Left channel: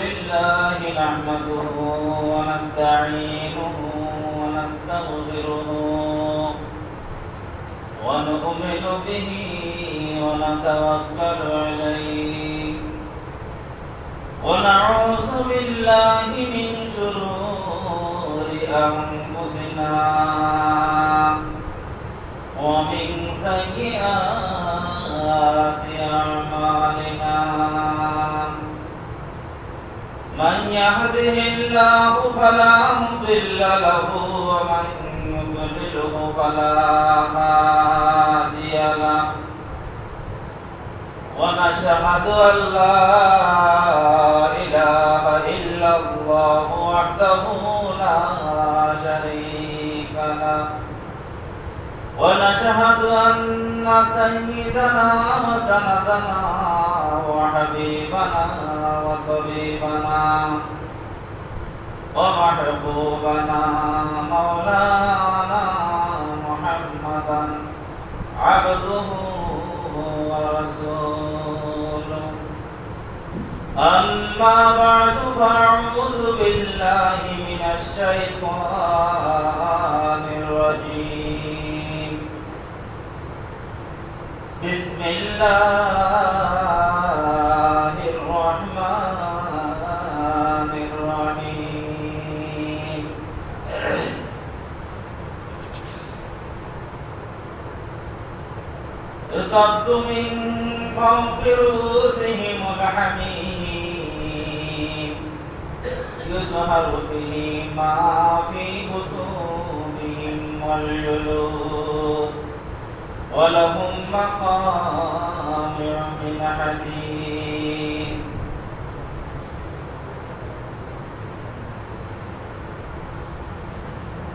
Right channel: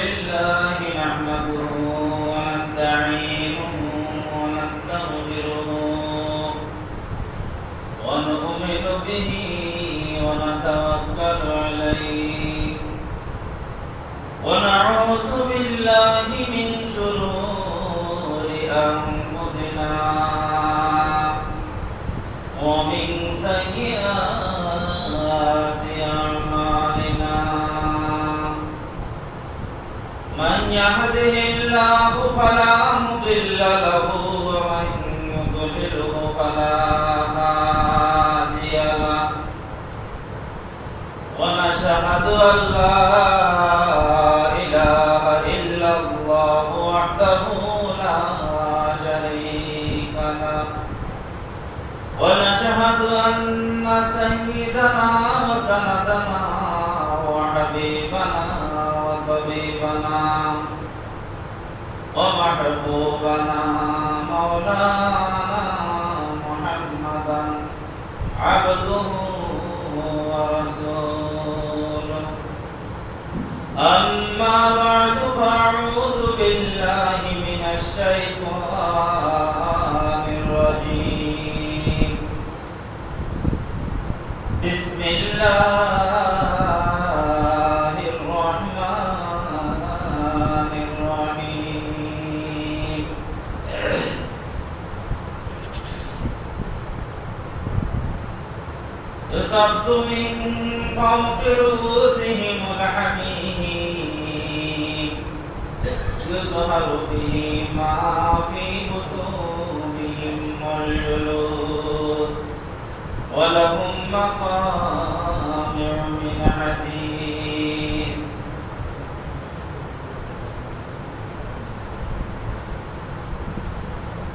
لله نحمده ونستعينه ونستغفره ونؤمن به ونتوكل عليه ونعوذ بالله من شرور أنفسنا ومن سيئات أعمالنا من يهده الله فلا مضل له ومن يضلله فلا هادي له ونشهد أن لا إله إلا الله وحده لا شريك له ونشهد أن سيدنا وسندنا وحبيبنا وطبيبنا ومحبوبنا مولانا محمدا عبده ورسوله أما بعد فأعوذ بالله من الشيطان الرجيم بسم الله الرحمن الرحيم يصب من فوق رؤوسهم الحميم يصهر به ما في بطونهم والجلود ولهم مقامع من حديد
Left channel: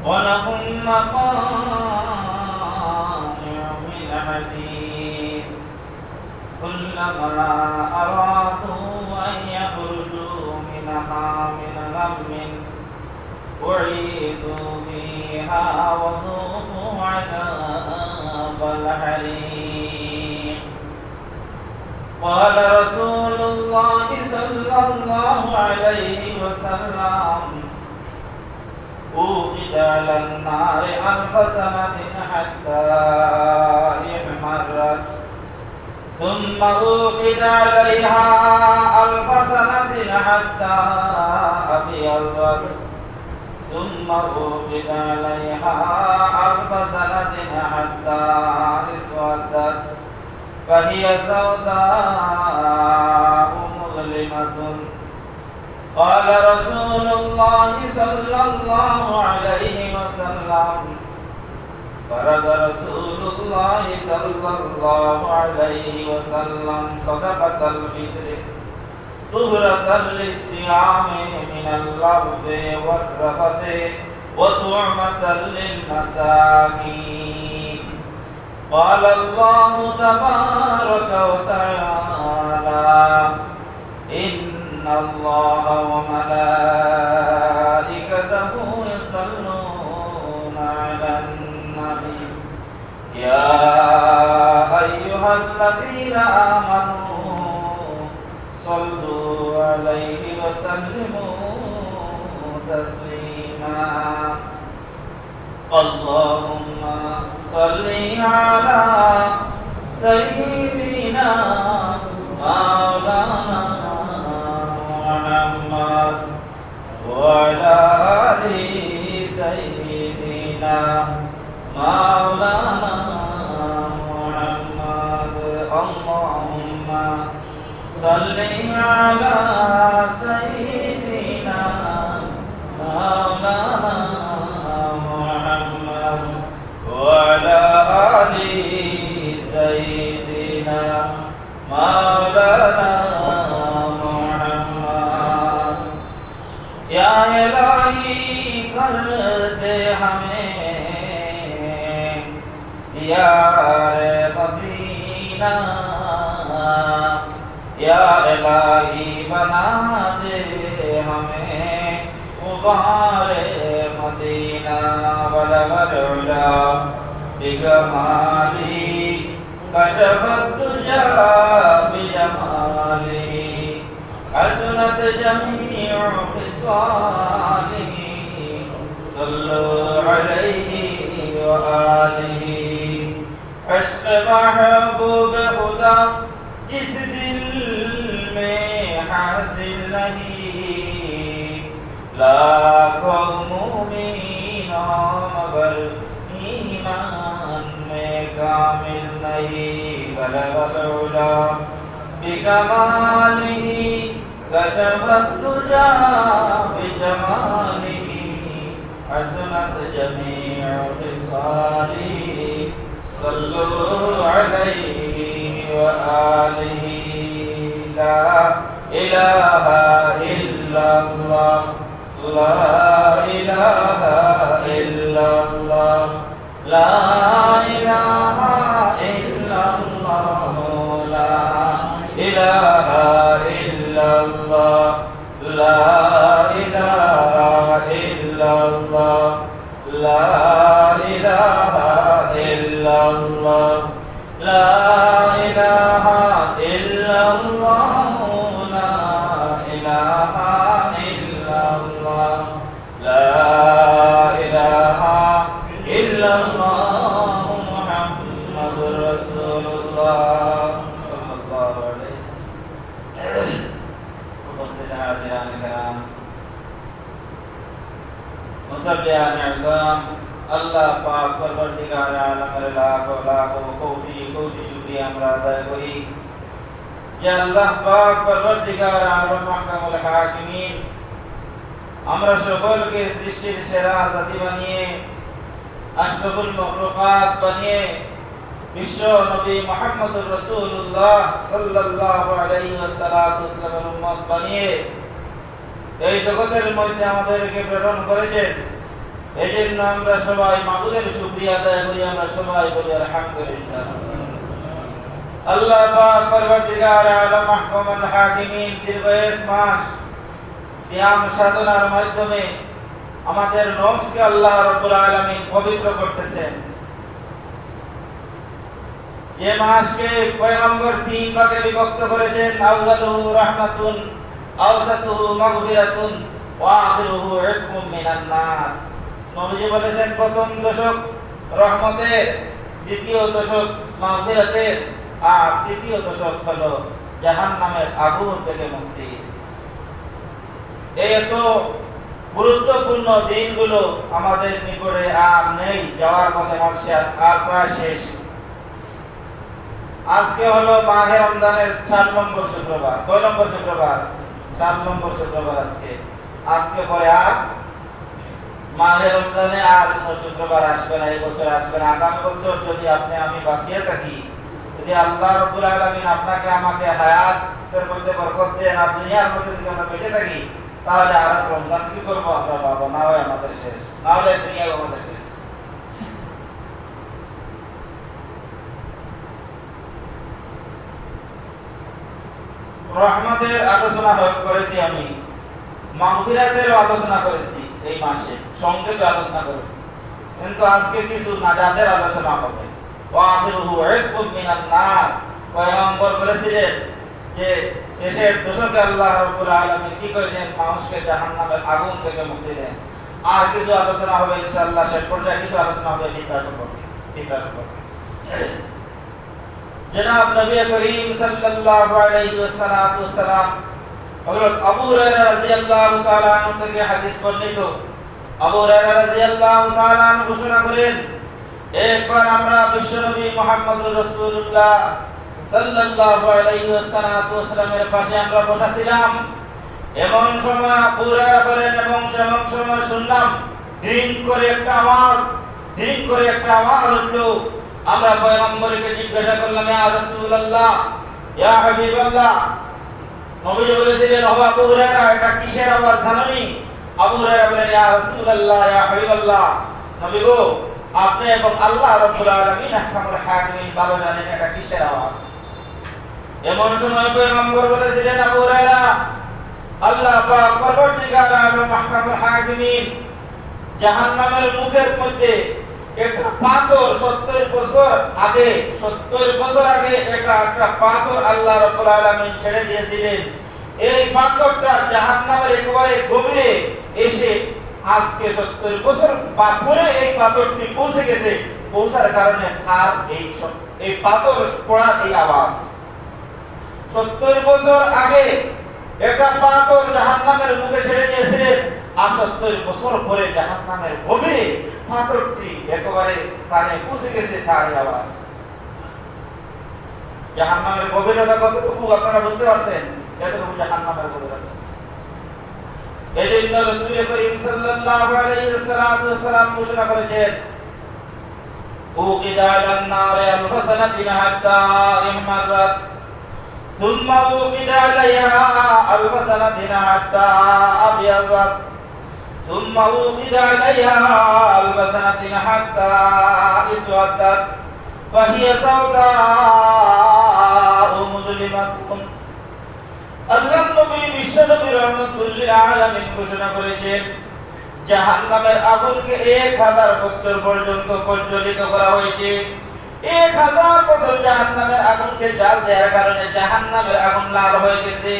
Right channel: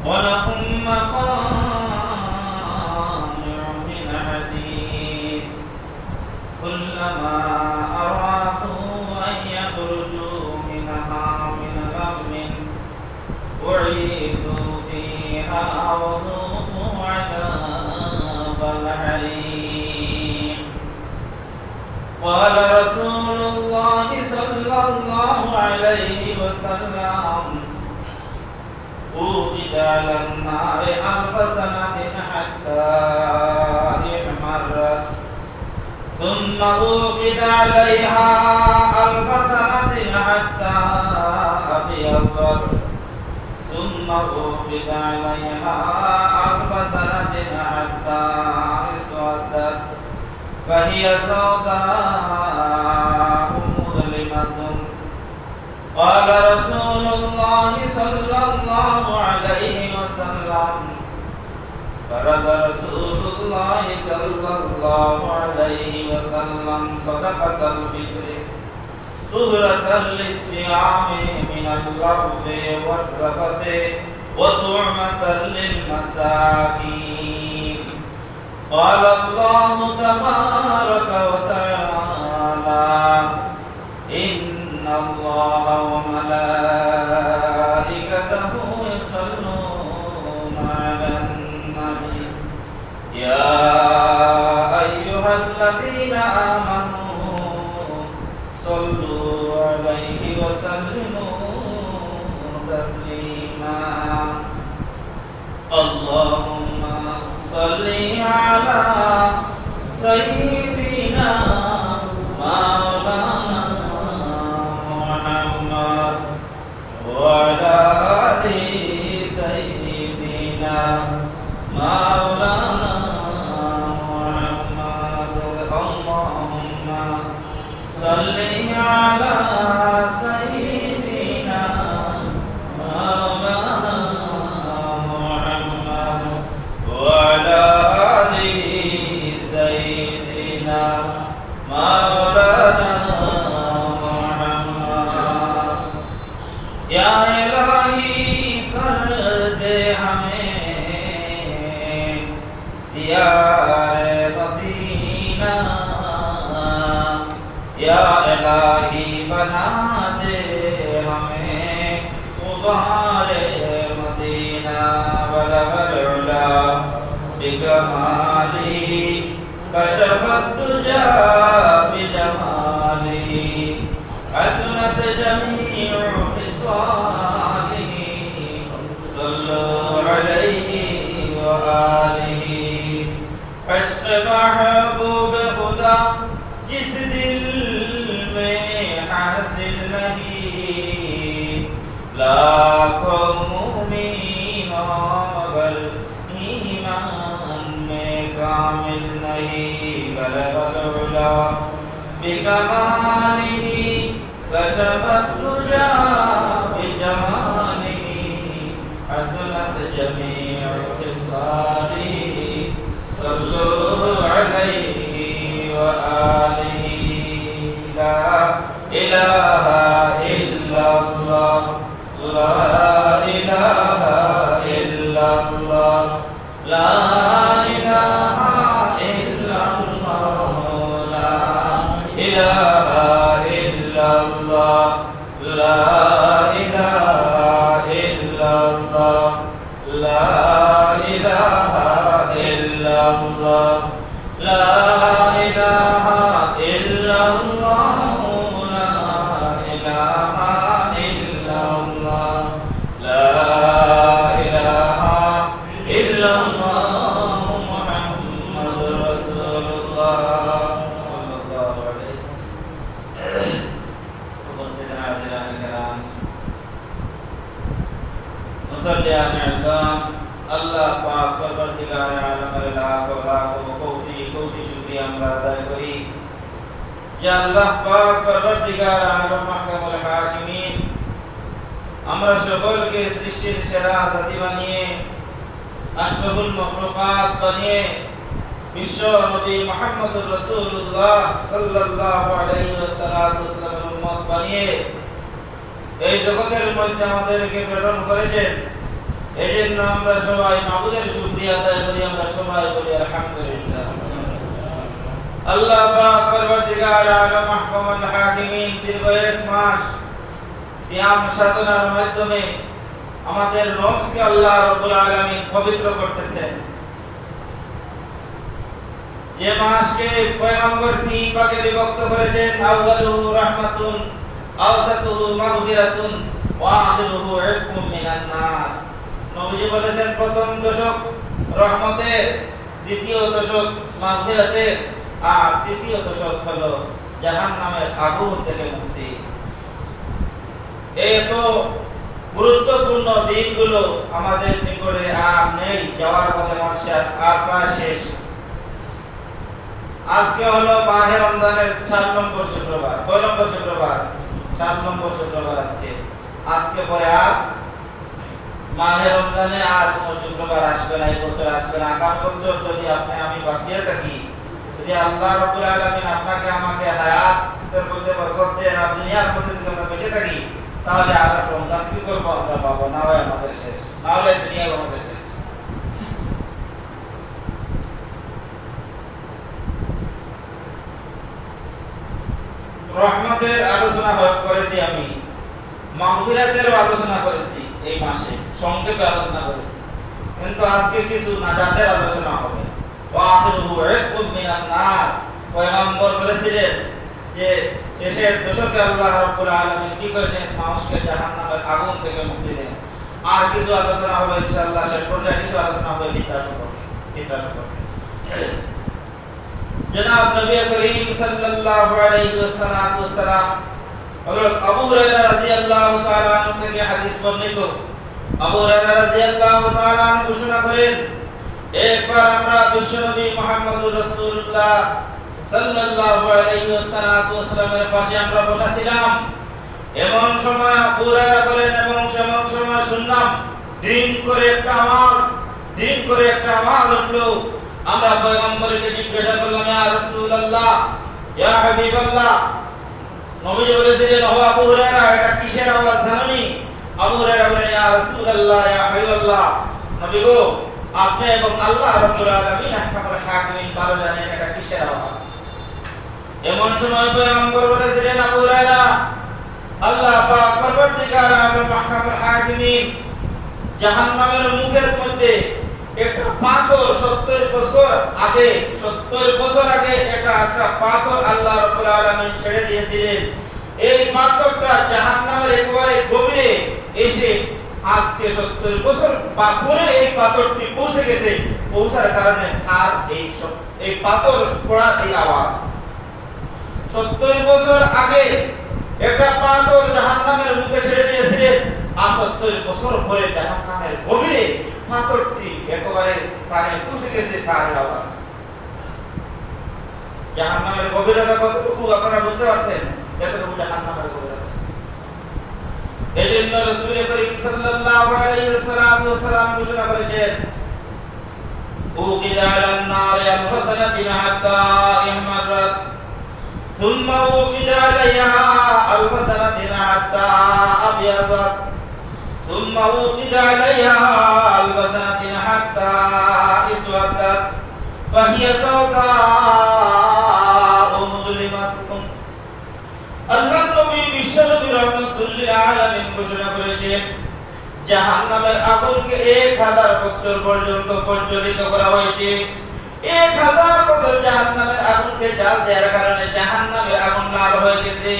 ولهم مقامع من حديد كلما أرادوا أن يخرجوا منها من غم أعيدوا فيها وذوقوا عذاب الحريق قال رسول الله صلى الله عليه وسلم أوقد على النار 1000 سنة حتى احمرت ثم أوقد عليها 1000 سنة حتى أبيضت ثم أوقد عليها 1000 سنة حتى اسودت فهي سوداء مظلمة قال رسول الله صلى الله عليه وسلم فرض رسول الله صلى الله عليه وسلم صدقة الفطر طهرة للصيام من اللغو والرفث وطعمة للمساكين قال الله تبارك وتعالى إن الله وملائكته يصلون على النبي يا أيها الذين آمنوا صلوا عليه وسلموا تسليما اللهم صل على سيدنا مولانا محمد وعلى آل سيدنا مولانا محمد اللهم صل على سيدنا مولانا محمد وعلى آل سيدنا مولانا محمد या इलाही कर दे हमें दियार मदीना या इलाही बना दे हमें गुबार मदीना बलगल उला बिकमाली कशफत तुजा बिजमाली حسنت جميع خصاله صلوا عليه وآله عشق محبوب خدا जिस दिल में हासिल नहीं लाखों मुमीन मगर ईमान में कामिल नहीं बलगल उला बिकमालिही कशफत तुजा बिजमालिही हसनत जमीउ खिसालिही सल्लु अलैहि व आलिहि ला इलाहा इल्लल्लाह ला इलाहा इल्लल्लाह ला इलाहा इल्लल्लाह ला इलाहा इल्लल्लाह ला इलाहा इल्लल्लाह ला इलाहा इल्लल्लाह ला इलाहा इल्लल्लाह ला इलाहा इल्लल्लाह ला इलाहा इल्लल्लाह मुहम्मदुर रसूलुल्लाह सल्लल्लाहु अलैहि वसल्लम। उपस्थित हाज़िरान किराम, मुसल्लियान इज़ाम, আল্লাহ পাক পরবর্তীকার আলমের লাখ লাখ কোটি কোটি শুকরিয়া আমরা আদায় করি যে আল্লাহ পাক পরবর্তীকার আলম মাহকামুল হাকিমিন আমরা সকলকে সৃষ্টির সেরা জাতি বানিয়ে আশরাফুল মাখলুকাত বানিয়ে বিশ্ব নবী মুহাম্মদুর রাসূলুল্লাহ সাল্লাল্লাহু আলাইহি ওয়াসাল্লামের উম্মত বানিয়ে এই জগতের মধ্যে আমাদেরকে প্রেরণ করেছেন। এজন্য আমরা সবাই মাবুদের শুকরিয়া আদায় করি, আমরা সবাই বলি আলহামদুলিল্লাহ। আল্লাহ পাক পরবর্তীকার আলম মাহকামুল হাকিমিন দীর্ঘ এক মাস সিয়াম সাধনার মাধ্যমে আমাদের নফসকে আল্লাহ রাব্বুল আলামিন পবিত্র করতেছেন। যে মাসকে পয়গম্বর তিন ভাগে বিভক্ত করেছেন, আউয়ালুহু রাহমাতুন, আওসাতুহু মাগফিরাতুন ওয়া আখিরুহু ইতকুম মিনান নার। নবীজি বলেছেন প্রথম দশক রহমতের, দ্বিতীয় দশক মাগফিরাতের, আর তৃতীয় দশক হলো জাহান্নামের আগুন থেকে মুক্তি। এত গুরুত্বপূর্ণ দিনগুলো আমাদের নিকটে আর নেই, যাওয়ার পথে মাসে আর প্রায় শেষ। আজকে হলো মাহে রমজানের 4 নম্বর শুক্রবার, 4 নম্বর শুক্রবার, 4 নম্বর শুক্রবার আজকে পরে আর মাহে রমজানে আর কোনো শুক্রবার আসবে না, এই বছর আসবে না। আগামী বছর যদি আপনি আমি বাঁচিয়ে থাকি, যদি আল্লাহ রাব্বুল আলামিন আপনাকে আমাকে হায়াতের মধ্যে বরকত দেন আর দুনিয়ার মধ্যে যদি আমরা বেঁচে থাকি, তাহলে আর রমজান কি করবো আমরা পাবো না, হয় আমাদের শেষ, না হলে দুনিয়াও আমাদের শেষ। রহমতের আলোচনা করেছি আমি, মাগফিরাতের আলোচনা করেছি, এই মাসে সংক্ষেপে আলোচনা করেছি, কিন্তু আজকে কিছু নাজাতের আলোচনা হবে। ওয়া আখিরুহু ইতকুম মিনান নার। পয়গম্বর বলেছিলেন যে শেষের দশকে আল্লাহ রাব্বুল আলামিন কি করেছেন, মানুষকে জাহান্নামের আগুন থেকে মুক্তি দেন। আর কিছু আলোচনা হবে ইনশাআল্লাহ, শেষ পর্যায়ে কিছু আলোচনা হবে ফিতরা সম্পর্কে। জনাব নবী করিম সাল্লাল্লাহু আলাইহি ওয়াসাল্লাম হযরত আবু হুরায়রা রাদিয়াল্লাহু তাআলা আনহু থেকে হাদিস বর্ণিত। আবু হুরায়রা রাদিয়াল্লাহু তাআলা আনহু ঘোষণা করেন, একবার আমরা বিশ্বনবী মুহাম্মদুর রাসূলুল্লাহ সাল্লাল্লাহু আলাইহি ওয়াসাল্লামের পাশে আমরা বসা ছিলাম। এমন সময় আবু হুরায়রা বলেন, এবং সেমন সময় শুনলাম ডিং করে একটা আওয়াজ উঠলো। আমরা পয়গম্বরকে জিজ্ঞাসা করলাম, ইয়া রাসূলুল্লাহ, ইয়া হাবিবাল্লাহ। নবীজি বলেছিলেন, ও আবু হুরায়রা, এটা কিসের আওয়াজ জানেননি? আবু হুরায়রা বলেন, ইয়া রাসূলুল্লাহ, ইয়া হাবিবাল্লাহ, নবী গো, আপনি এবং আল্লাহ রাব্বুল আলামিন আহকামুল হাকিমিন ভালো জানেন এটা কিসের আওয়াজ। এমন সময় পয়গম্বর বলেছিলেন, আবু হুরায়রা, আল্লাহ পাক পরবর্তীকার আলম আহকামুল হাকিমিন জাহান্নামের মুখের মধ্যে একটা পাথর 70 বছর আগে একটা পাথর আল্লাহ রাব্বুল আলামিন ছেড়ে দিয়েছিলেন। এই পাথরটা জাহান্নামের একেবারে গভীরে এসে আজকে 70 বছর বা পরে এই পাথরটি পৌঁছে গেছে, পৌঁছার কারণে তার এই পাথর পড়ার এই আওয়াজ। 70 বছর আগে একটা পাথর জাহান্নামের মুখে ছেড়ে দিয়েছিলেন, আর 70 বছর পরে জাহান্নামের গভীরে পাথরটি একেবারে স্থানে পৌঁছে গেছে, তার আওয়াজ। জাহান্নামের গভীরতা কতটুকু আপনারা বুঝতে পারছেন? এতটুকু জাহান্নামের গভীরতা। এজন্য রাসূল করিম সাল্লাল্লাহু আলাইহি ওয়াসাল্লাম ঘোষণা করেছেন, উকিদা আলান নার আল-হাসানাতিন হাত্তা ইহমারাত থুম্মা উকিদা আলাইহা আল-হাসানাতিন হাত্তা আবিয়াদাত থুম্মা উকিদা আলাইহা আল-হাসানাতিন হাত্তা ইসওয়াদাত ফাহিয়া সাওদাউ মুজলিমাতুন। আল্লাহ নবী বিশ্বনবী রাহমাতুল লিল আলামিন ঘোষণা করেছেন, জাহান্নামের আগুনকে 1000 বছর পর্যন্ত প্রজ্বলিত করা হয়েছে। 1000 বছর জাহান্নামের আগুনকে জ্বাল দেওয়ার কারণে জাহান্নামের আগুন লাল হয়ে গেছে,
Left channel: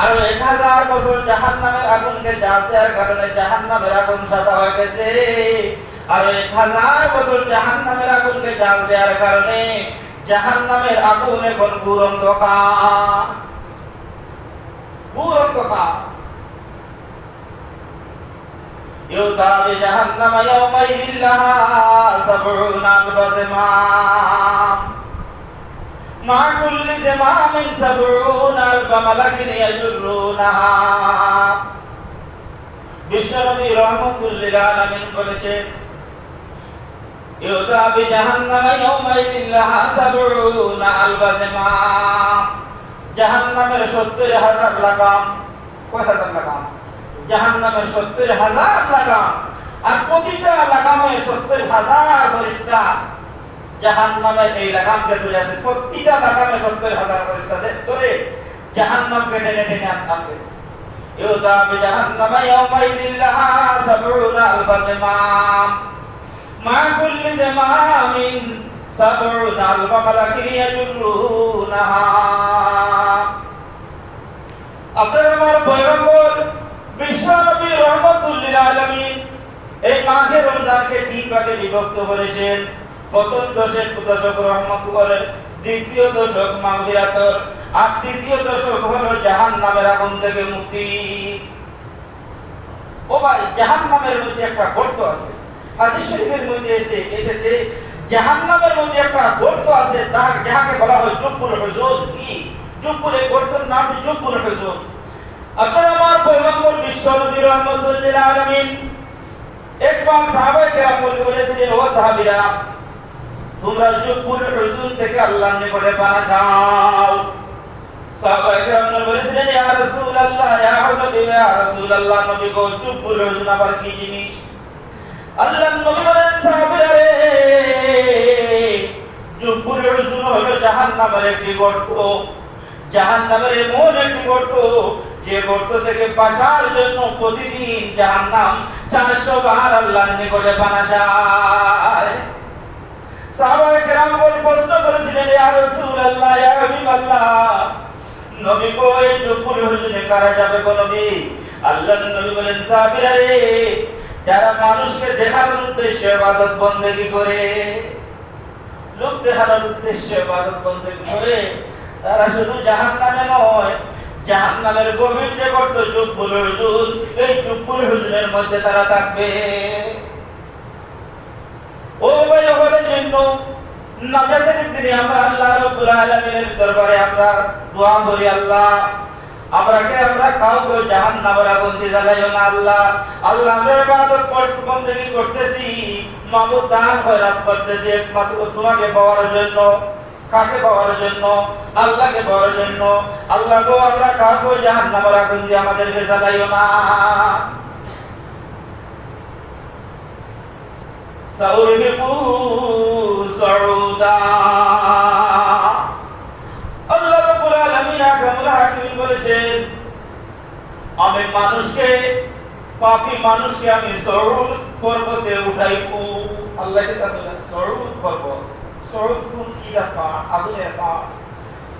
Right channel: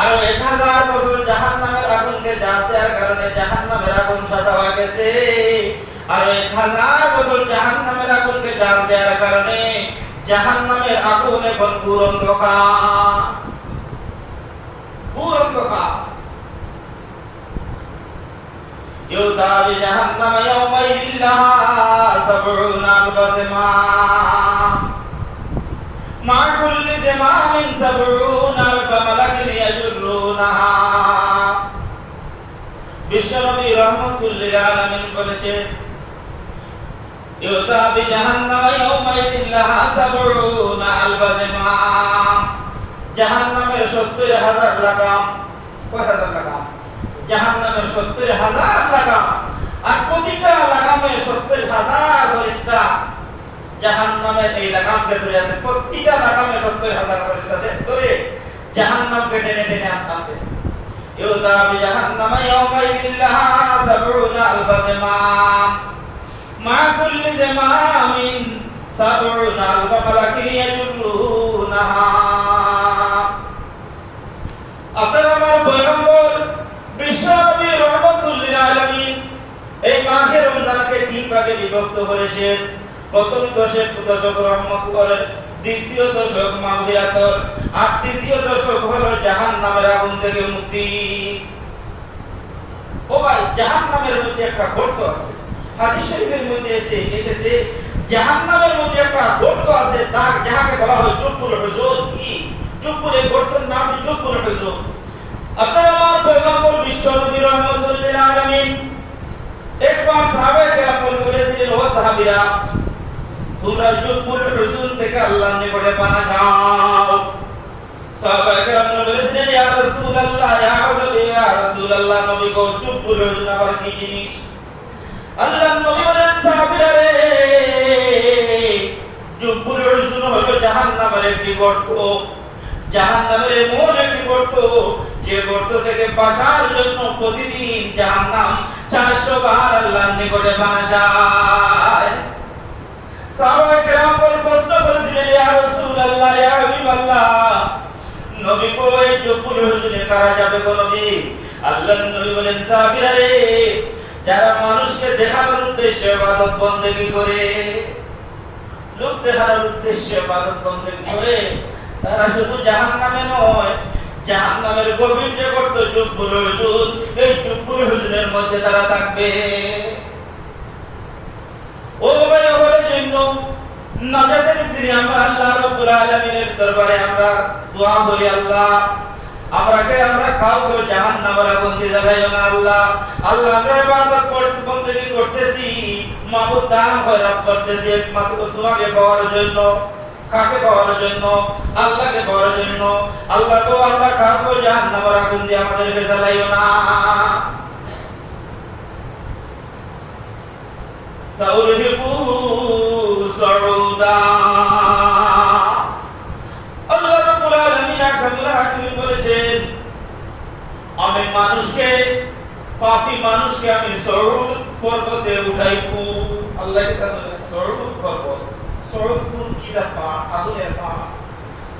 আর 1000 বছর জাহান্নামের আগুনকে জ্বাল দেওয়ার কারণে জাহান্নামের আগুন সাদা হয়ে গেছে, আর 1000 বছর জাহান্নামের আগুনকে জ্বাল দেওয়ার কারণে জাহান্নামের আগুন এখন ঘোর অন্ধকার। يؤتى بجهنم يومئذ لها 70,000 زمام مع كل زمام 70,000 ملك يجرونها। বিশ্বনবী রাহমাতুল লিল আলামিন বলেছেন, ইউতা বিজাহান্নাম ইয়াউমাইযিন লাহা 70,000 زمام। জাহান্নামের 70,000 লাগাম। কয় হাজার লাগাম? জাহান্নামের 70,000 লাগাম, আর প্রতিটা লাগামে 70,000 ফেরেশতা জাহান্নামের এই লাগামকে ধরে আছে। প্রতিটা লাগামে 70,000 ফেরেশতা ধরে জাহান্নামকে টেনে টেনে আনবে। ইউতা বিজাহান্নাম ইয়াউমাইযিন লাহা 70,000 زمام মা কুল্লি زمامিন 70,000 মালাকিন ইয়াজুরুনাহা। আপনারা আমার পয়গম্বর বিশ্বনবী রাহমাতুল লিল আলামিন এই মাহে রমজানকে 3 ভাগে বিভক্ত করেছেন। প্রথম দশক রহমতের, দ্বিতীয় দশক মাগফিরাতের, আর তৃতীয় দশক হলো জাহান্নামের আগুন থেকে মুক্তি। ও ভাই, জাহান্নামের মধ্যে একটা গর্ত আছে। হাদিস শরীফের মধ্যে এসেছে জাহান্নামের মধ্যে একটা গর্ত আছে, যাহাকে বলা হয় জুব্বুল হুজুর। কি জুব্বুল? এই গর্তের নাম জুব্বুল হুজুর। আপনারা আমার পয়গম্বর বিশ্বনবী রাহমাতুল লিল আলামিন একবার সাহাবায়ে কেরাম বলেছিলেন, ও সাহাবীরা, তোমরা জুব্বুল হুজুর থেকে আল্লাহর নিকটে পানা চাও। সাহাবায়ে কেরাম বলেছিলেন, ইয়া রাসূলুল্লাহ, ইয়া নবী, ইয়া রাসূলুল্লাহ, নবী গো, জুব্বুল হুজুর আবার কি জিনিস? আল্লাহর নবী বলেন, সাহাবীরা রে, জুব্বুল হুজুর হলো জাহান্নামের একটি গর্ত। জাহান্নামের এমন একটি গর্ত, যে গর্ত থেকে বাঁচার জন্য প্রতিদিন জাহান্নাম 400 বার আল্লাহর নিকটে পানা যায়। সাহাবায়ে কেরাম প্রশ্ন করেছিলেন, ইয়া রাসূলুল্লাহ, ইয়া হাবিবাল্লাহ, নবী গো, এই জুব্বুল হুজুরে কারা যাবে গো নবী? আল্লাহর নবী বলেন, সাহাবীরা রে, যারা মানুষকে দেখানোর উদ্দেশ্যে ইবাদত বন্দেগী করে, লোক দেখানোর উদ্দেশ্যে ইবাদত বন্দেগী করে, তারা শুধু জাহান্নামে নয়, জাহান্নামের গভীর যে গর্ত জুব্বুল হুজুর, এই জুব্বুল হুজুরের মধ্যে তারা থাকবে। ও ভাই, ওদের জন্য নাজাতের দিনে আমরা আল্লাহ রাব্বুল আলামিনের দরবারে আমরা দোয়া করি, আল্লাহ আমরা কাউকে জাহান্নামের আগুন দিয়ে জ্বালাইও না। আল্লাহ আমরা ইবাদত বন্দেগী করতেছি, মাবুদ দান খয়রাত করতেছি একমাত্র তোমাকে পাওয়ার জন্য। কাকে পাওয়ার জন্য? আল্লাহকে পাওয়ার জন্য। আল্লাহ গো, আমরা কাউকে জাহান্নামের আগুন দিয়ে আমাদেরকে জ্বালাইও না। সাউরহিবু সাউদা। আল্লাহ রাব্বুল আলামিন কামলা হাকিম বলেছেন, আমি মানুষকে, পাপী মানুষকে আমি সউদ পর্বতে উঠাইবো। আল্লাহকে তাআলা সউদ পর্বত, সউদ কোন কি দা আগুনের পা।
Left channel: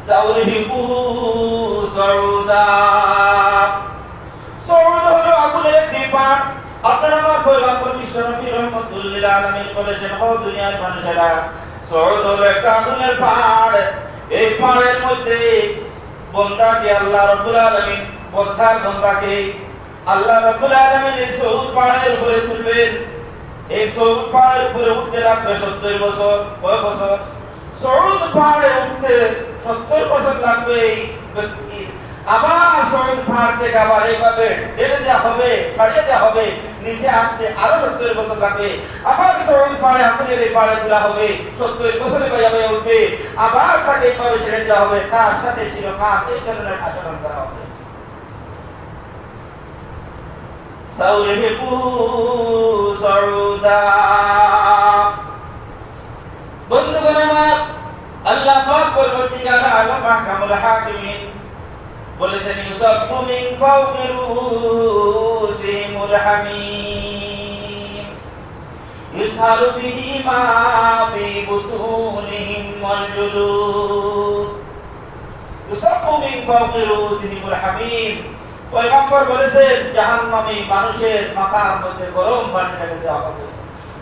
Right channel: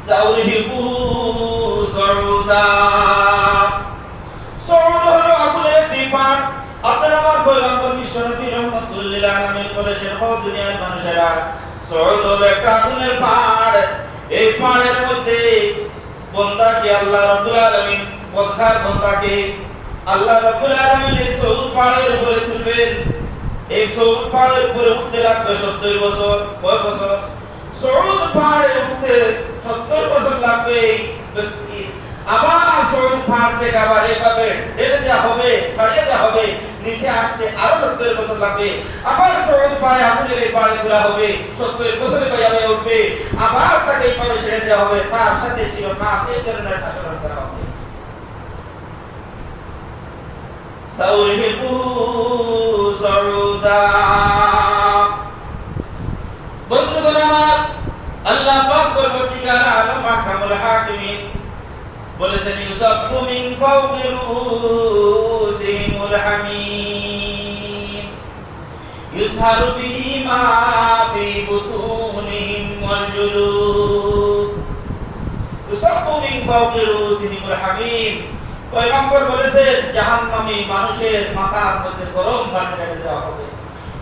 সাউরিহিকুহু সাউদা। সাউদ হলো আগুনের একটি পাহাড়। আপনারা আমার পয়গম্বর বিশ্বনবী রাহমাতুল লিল আলামিন বলেছেন, ও দুনিয়ার মানুষেরা, সাউদ হলো একটা আগুনের পাহাড়। এই পাহাড়ের মধ্যে বান্দাকে আল্লাহ রাব্বুল আলামিন, পথখার বান্দাকে আল্লাহ রাব্বুল আলামিন এই সাউদ পাহাড়ের উপরে তুলবেন। এই সাউদ পাহাড়ের উপরে উঠতে লাগবে 70 বছর। কয় বছর? সাউদ পাহাড়ে উঠতে 70 বছর লাগবে। আবার সাউদ পাহাড় থেকে আবার এইভাবে ঢেলে দেওয়া হবে, ছাড়িয়ে দেওয়া হবে, নিচে আসতে আরো 70 বছর লাগবে। আবার সাউদ পাহাড়ে আগুনের এই পাহাড়ে তোলা হবে, 70 বছরে বাইরে উঠবে, আবার তাকে এইভাবে ছেড়ে দেওয়া হবে, তার সাথে ছিল কাঠ, এই ধরনের আচরণ করা হবে। সাউরিহিকুহু সাউদা। বন্ধুগণ আমার, আল্লাহ পাক পরবর্তীকার আলম মাহকামুল হাকিমিন বলেছেন, ইউসাফু মিন ফাওকি রুসিহিমুল হামিম ইউসহারু বিহি মা ফি বুতুনিহিম ওয়াল জুলুদ। ইউসাফু মিন ফাওকি রুসিহিমুল হামিম, পয়গম্বর বলেছেন জাহান্নামী মানুষের মাথার মধ্যে গরম পানি ঢেলে দেওয়া হবে।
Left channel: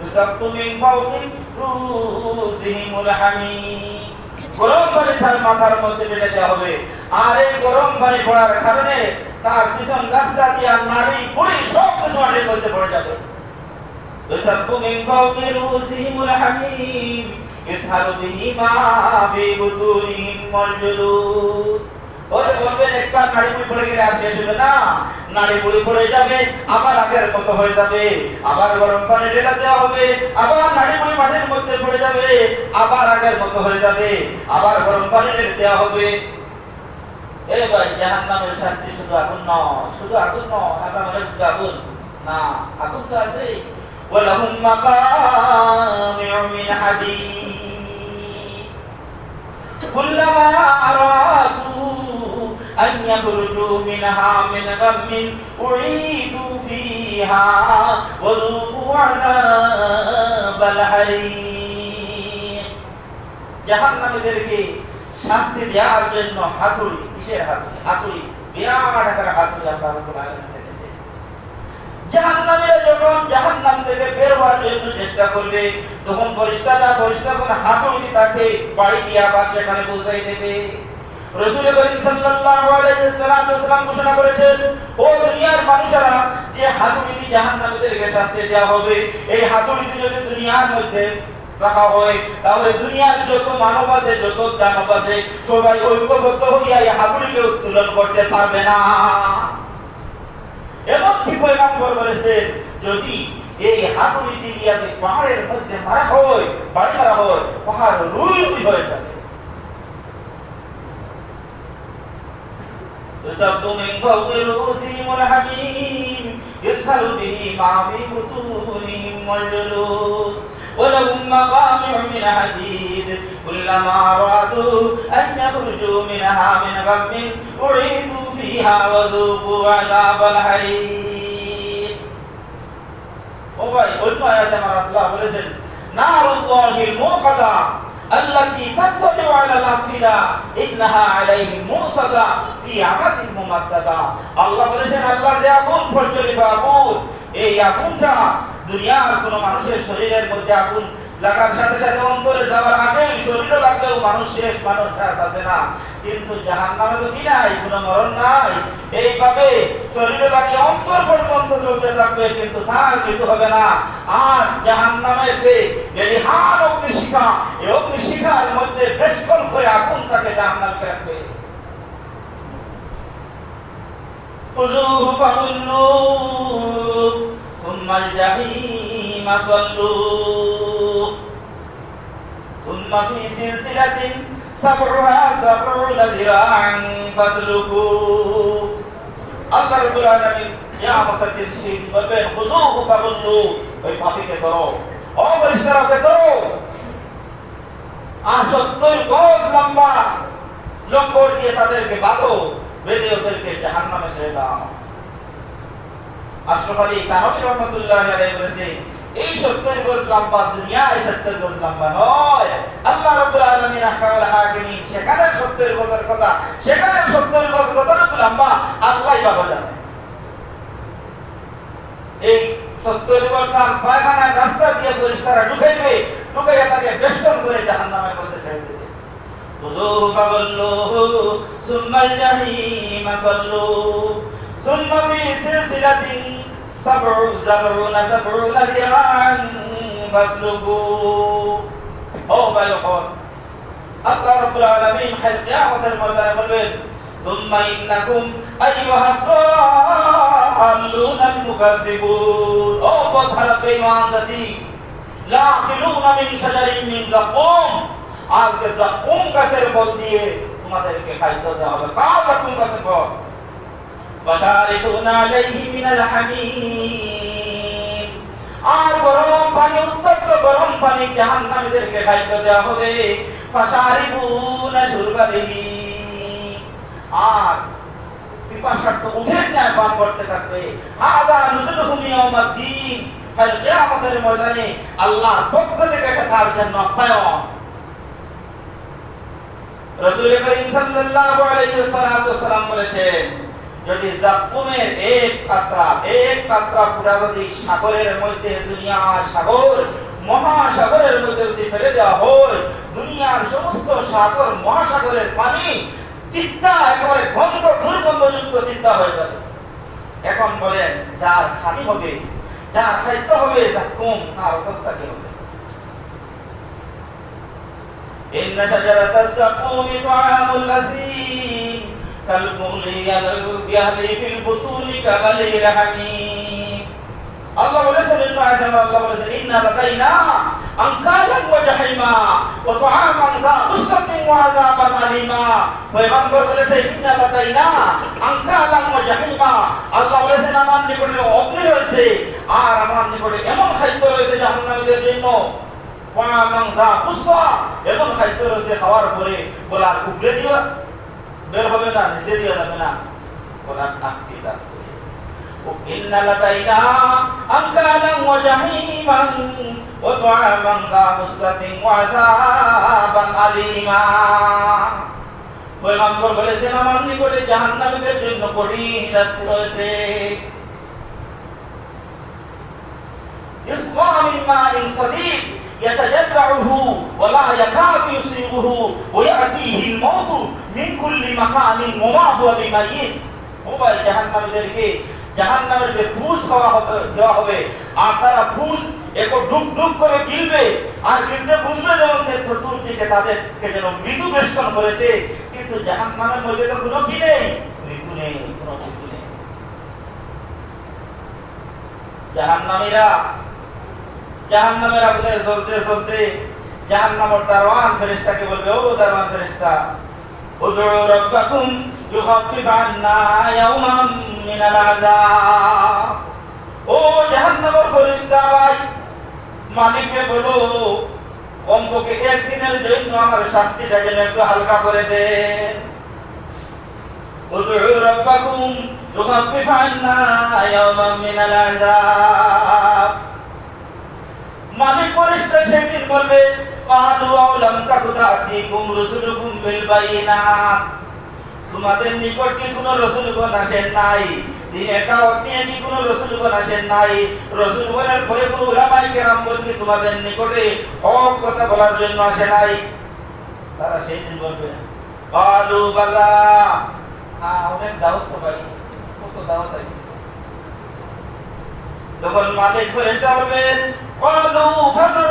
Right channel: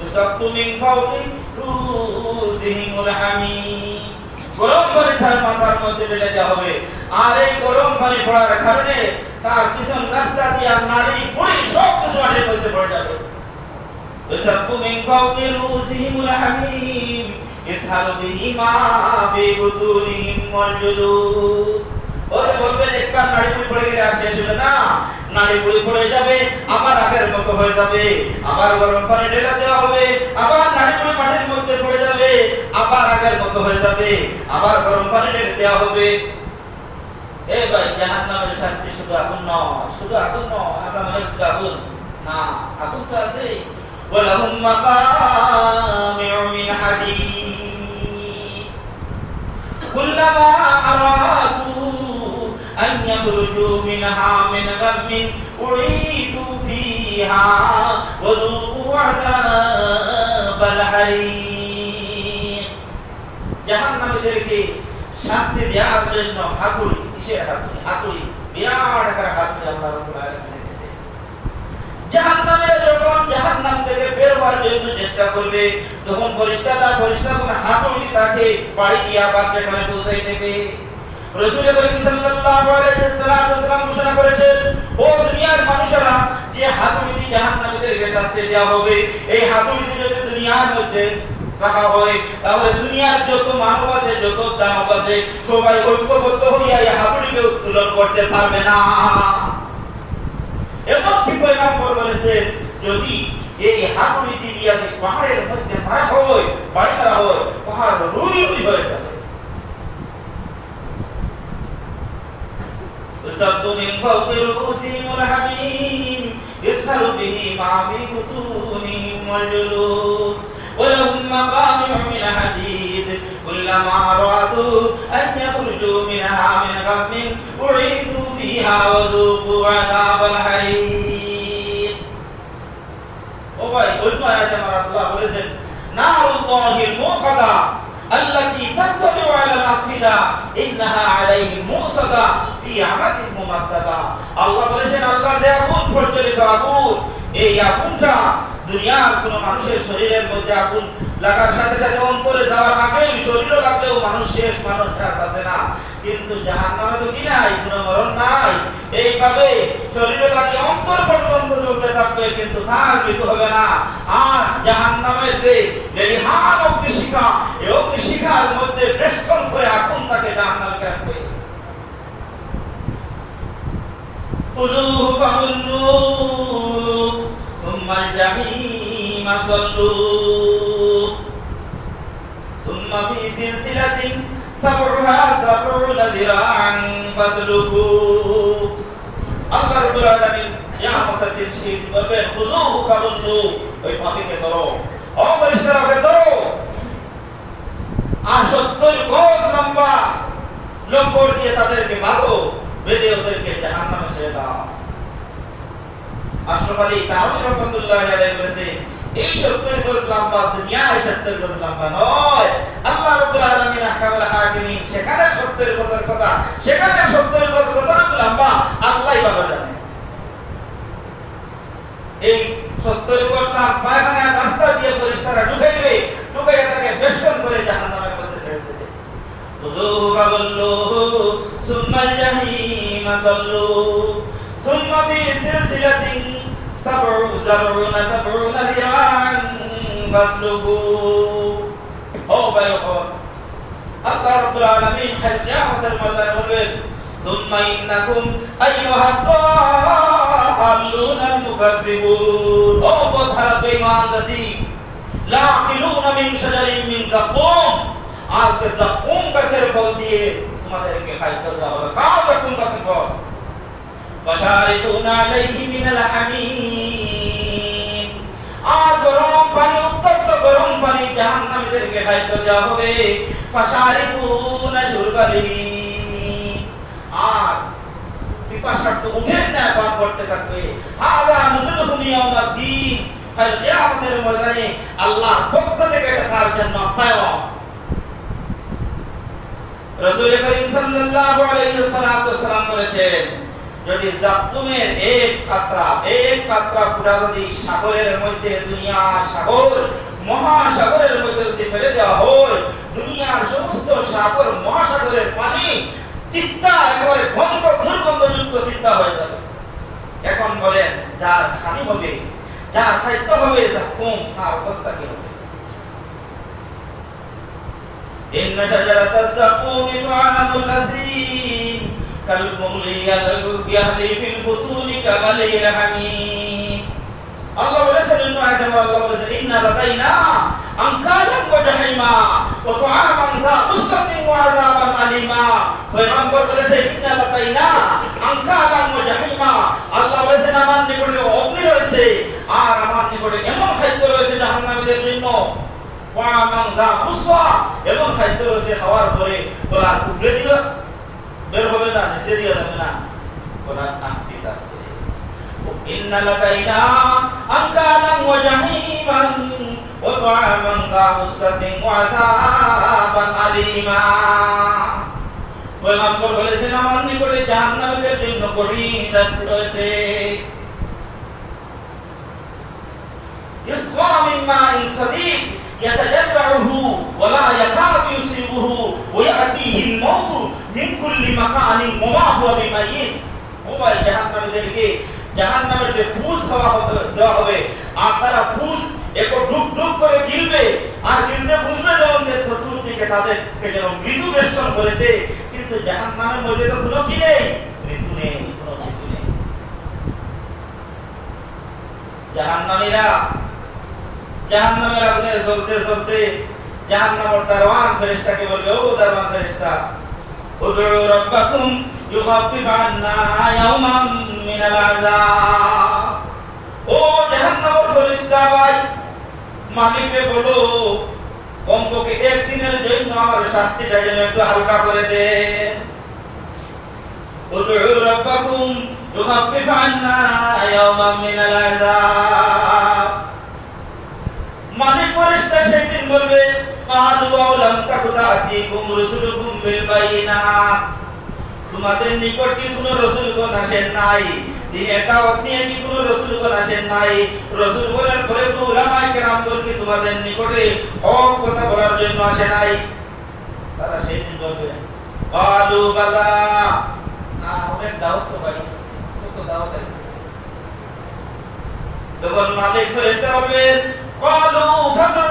ইউসাফু মিন ফাওকি রুসিহিমুল হামিম, গরম পানি তার মাথার মধ্যে ঢেলে দেওয়া হবে। আর এই গরম পানি পড়ার কারণে তার পিছন রাস্তা দিয়ে নাড়ি পুড়ি সব কিছু মাটির মধ্যে পড়ে যাবে। ইউসাফু মিন ফাওকি রুসিহিমুল হামিম ইসহারু বিহি মা ফি বুতুনিহিম ওয়াল জুলুদ। ওরে বলবেন একটা নাড়ি পুড়ি পড়ে গেলে আর শেষ হবে না, নাড়ি পুড়ি পড়ে যাবে, আবার আগের মতো হয়ে যাবে, আবার গরম পানি ঢেলে দেওয়া হবে, আবার নাড়ি পুড়ি মাটির মধ্যে পড়ে যাবে, আবার আগের মতো হয়ে যাবে, আবার গরম পানি ঢেলে দেওয়া হবে। এই ভাই, জাহান্নামের শাস্তি শুধু আগুন নয়, শুধু আগুন নয়, আপনার মনে শুধু আগুন না, আগুন তো আছে। ওয়ালাহুম মাকামিউ মিন হাদীদ কুল্লামা আরাদু أن يخرجوا منها من غم أعيدوا فيها وذوقوا عذاب الحريق। জাহান্নামীদেরকে শাস্তি দেওয়ার জন্য হাতুড়ি, কিসের হাতুড়ি? হাতুড়ি, বিরাট আকারের হাতুড়ি আল্লাহ রাব্বুল আলামিন দিয়েছেন। জাহান্নামীরা যখন জাহান্নাম থেকে বের হওয়ার জন্য চেষ্টা করবে, তখন ফেরেশতারা কোন হাতুড়ি দিয়ে তাকে বাড়ি দিয়ে আবার সেখানে পৌঁছাই দেবে। রাসূল করিম সাল্লাল্লাহু আলাইহি ওয়াসাল্লাম ঘোষণা করেছেন, ও দুনিয়ার মানুষেরা, যে হাতুড়ি দিয়ে জাহান্নামীদেরকে শাস্তি দেওয়া হবে, এই হাতুড়ি যদি দুনিয়ার মধ্যে রাখা হয়, তাহলে দুনিয়ার যত মানব আছে, যত দানব আছে, সবাই ঐক্যবদ্ধ হইয়া এই হাতুড়িকে উত্তোলন করতে পারবে না। এমনকি পয়গম্বর বলেছেন, যদি এই হাতুড়িটি দিয়ে পাহাড়ের মধ্যে মারা হয়, বাড়ি মারা হয়, পাহাড় রুই রুই হয়ে যাবে। ইউসাফু মিন ফাওকি রুসিহিমুল হামিম ইসহারু বিহি মা ফি বুতুনিহিম ওয়াল জুলুদ ওয়ালাহুম মাকামিউ মিন হাদীদ কুল্লামা আরাদু আন ইয়াখরুজু মিনহা মিন গাম্মিন উঈদু ফিহা ওয়া যুকু আযাবাল হারিক। ও ভাই, অন্য আয়াতে আল্লাহ বলেছেন, নারুল্লাহিল মুকাদা আল্লাতী তাতলিউ আলাল আফিদা ইন্নাহা আলাইহিম মুসাদা ফি আমাদিন মুমাদ্দাদা। আল্লাহ বলেছেন, আল্লাহর যে আগুন, প্রজ্বলিত আগুন, এই আগুনটা দুনিয়ার কোন মানুষের শরীরের মধ্যে আগুন লাগার সাথে সাথে অন্তরে যাওয়ার আগেই শরীরে লাগলেও মানুষ শেষ, মানুষ বাঁচে না। কিন্তু জাহান্নামে তো কি নাই, কোনো মরণ নাই, এইভাবে শরীরে লাগে অন্তর পর্যন্ত চলতে থাকবে, কিন্তু তার মৃত্যু হবে না। আর জাহান্নামের যে লেলিহান অগ্নিশিখা, এই অগ্নিশিখার মধ্যে বেষ্টন করে আগুন তাকে জাহান্নামে রাখবে। খুযূহু ফাগুল্লু সুম্মাল জাহিম সাল্লু সুম্মা ফি সিলসিলাতিন সাবউহা সাবউনা যিরাআন ফাসলুকু। আল্লাহ রাব্বুল আলামিন কিয়ামতের দিন সেই বলবেন, খুযূহু ফাগুল্লু, ওই পাপীকে ধরো, ও ফেরেশতাকে ধরো, আর 70 গজ লম্বা লম্বর দিয়ে তাদেরকে বাঁধো, বেঁধে ওদেরকে জাহান্নামে ছেড়ে দাও। আশরাফ আলী থানভী রাহমাতুল্লাহি আলাইহি বলেছে, এই 70 গজ লম্বা দুনিয়ায় 70 গজ লম্বা নয়। আল্লাহ রাব্বুল আলামিন আহকামুল হাকিমিন সেখানে 70 গজের কথা, সেখানে 70 গজ কতটুকু লম্বা আল্লাহই ভালো জানে। এই 70 গজ পায়খানার রাস্তা দিয়ে পরিষ্কার ঢুকাইবে, ঢুকাইয়া তাকে বেষ্টন করে জাহান্নামের মধ্যে ছেড়ে দেবে। খুযুহু ফাগুল্লুহু সুম্মাল জাহিমা সাল্লু সুম্মা ফি সিলসিলাতিন সাবউনা যিরাআন ফাসলুকু। ও ভাইরা, আল্লাহ রাব্বুল আলামিন কিয়ামতের ময়দানে বলবেন, সুম্মা ইন্নাকুম আইয়ুহাদ দাল্লুনাল মুকাজ্জিবুন। ও পথহারা বেঈমান জাতি, লাকিলুনা মিন শাজারিন মিন যাকুম। আজকে যাকুম গাছের ফল দিয়ে তোমাদেরকে খাদ্য দেওয়া হবে। কাও যাকুম গাছের ফল? ফাশারিবুনা আলাইহি মিনাল হামিম। আর গরম পানি, উত্তপ্ত গরম পানি জাহান্নামীদেরকে খাদ্য দেওয়া হবে। ফাশারিবুনা শুরবালিহি। আর পিপাসার্ত উঠেন না, পান করতে থাকবে। হাযা নুজুলুহুম ইয়াউমাদ্দিন। কাল কিয়ামতের ময়দানে আল্লাহর পক্ষ থেকে তার জন্য আপ্যায়ন। রাসূল করিম সাল্লাল্লাহু আলাইহি ওয়াসাল্লাম বলেছেন, যদি যাকুমের এক কাতরা পুরা যদি সাগরের মধ্যে, দুনিয়ার সাগর মহাসাগরের মধ্যে যদি ফেলে দেওয়া হয়, দুনিয়ার সমস্ত সাগর মহাসাগরের পানি তিক্তা, একেবারে গন্ধ, দুর্গন্ধযুক্ত তিক্তা হয়ে যাবে। এখন বলেন, যার খানি হবে, যার খাদ্য হবে যাকুম, তার অবস্থা কি হবে? ইন্না শাজারাতাজ যাকুমি তুআমুল আসিম কালমুহলি ইয়াহলি ফিল বুতুনি কাগালিল হামিম। আল্লাহ বলেছেন, আল্লাহ বলেছেন, ইন্না লাদাইনা আনকালাম ওয়া জাহিমা ওয়া তুআমান যা উসসাতিন ওয়া আযাবান আলিমা। পয়গম্বর বলেছেন, ইন্না লাদাইনা আনকালাম ওয়া জাহিমা। আল্লাহ বলেছেন, আমার নিকটে অগ্নি রয়েছে আর আমার নিকটে এমন খাদ্য রয়েছে জাহান্নামীদের জন্য। ওয়া তুআমান যা উসসা, এমন খাদ্য রয়েছে খাওয়ার পরে গলার উপরে দিবা বের হবে না, নিচে দিয়ে যাবে না, গলার আটকে থাকবে। ইন্না লাদাইনা আনকালাম ওয়া জাহিমান ওয়া তুআমান যা উসসাতিন ওয়া আযাবান আলিমা। পয়গম্বর বলেছেন, আমার নিকটে জাহান্নামীদের জন্য কঠিন শাস্তি রয়েছে। ইসকা মিন মাইন সাদীক ইয়াতাজাররুহু ওয়া লা ইয়াকাদু ইউসিবুহু ওয়া ইয়াতিহিল মাউতু মিন কুল্লি মাকানিন ওয়া মা হুয়া বিমাইয়িত। ও ভাই, জাহান্নামের ফুস খাওয়া দেওয়া হবে, আর তারা ফুস একটু ডুব ডুব করে গিলবে, আর গিলতে বুঝবে যেমন চতুর্দিকে তাদের থেকে যেন মৃত্যু বেষ্টন করেছে। কিন্তু জাহান্নামের মধ্যে তো কোনো কি নেই, মৃত্যু নেই, কোনো মৃত্যু নেই। জাহান্নামের আগুনে জ্বলতে জ্বলতে জাহান্নামের দারওয়ান ফেরেশতাকে বলবে, ও দারওয়ান ফেরেশতা, উদউ রাব্বাকুম ইউখাফিফ আন্না ইয়াওমান মিনাল আযাব। ও জাহান্নামের ফেরেশতা ভাই, মালিককে বলো কমপক্ষে একদিনের জন্য আমার শাস্তিটা যেন একটু হালকা করে দেন। উদউ রাব্বাকুম ইউখাফিফ আন্না ইয়াওমান মিনাল আযাব। মালিক ফেরেশতা সেই দিন বলবে, ক্বালু আলাম তাকু তা'তিকুম রুসুলুকুম বিল বায়িনাত। তোমাদের নিকট কি কোনো রাসূলগণ আসেন নাই? দিনের দাওয়াত নিয়ে কি কোনো রাসূলগণ আসেন নাই? রাসূলগণের পরে কোনো উলামায়ে কেরাম কি তোমাদের নিকটে হক কথা বলার জন্য আসে নাই? তারা সেই দিন বলবে, ক্বালু বালা, অনেক দাওয়াত তো পাইছি, কত দাওয়াত আইছে। তখন মালিক ফেরেশতা বলবেন, ক্বালু ফাদউ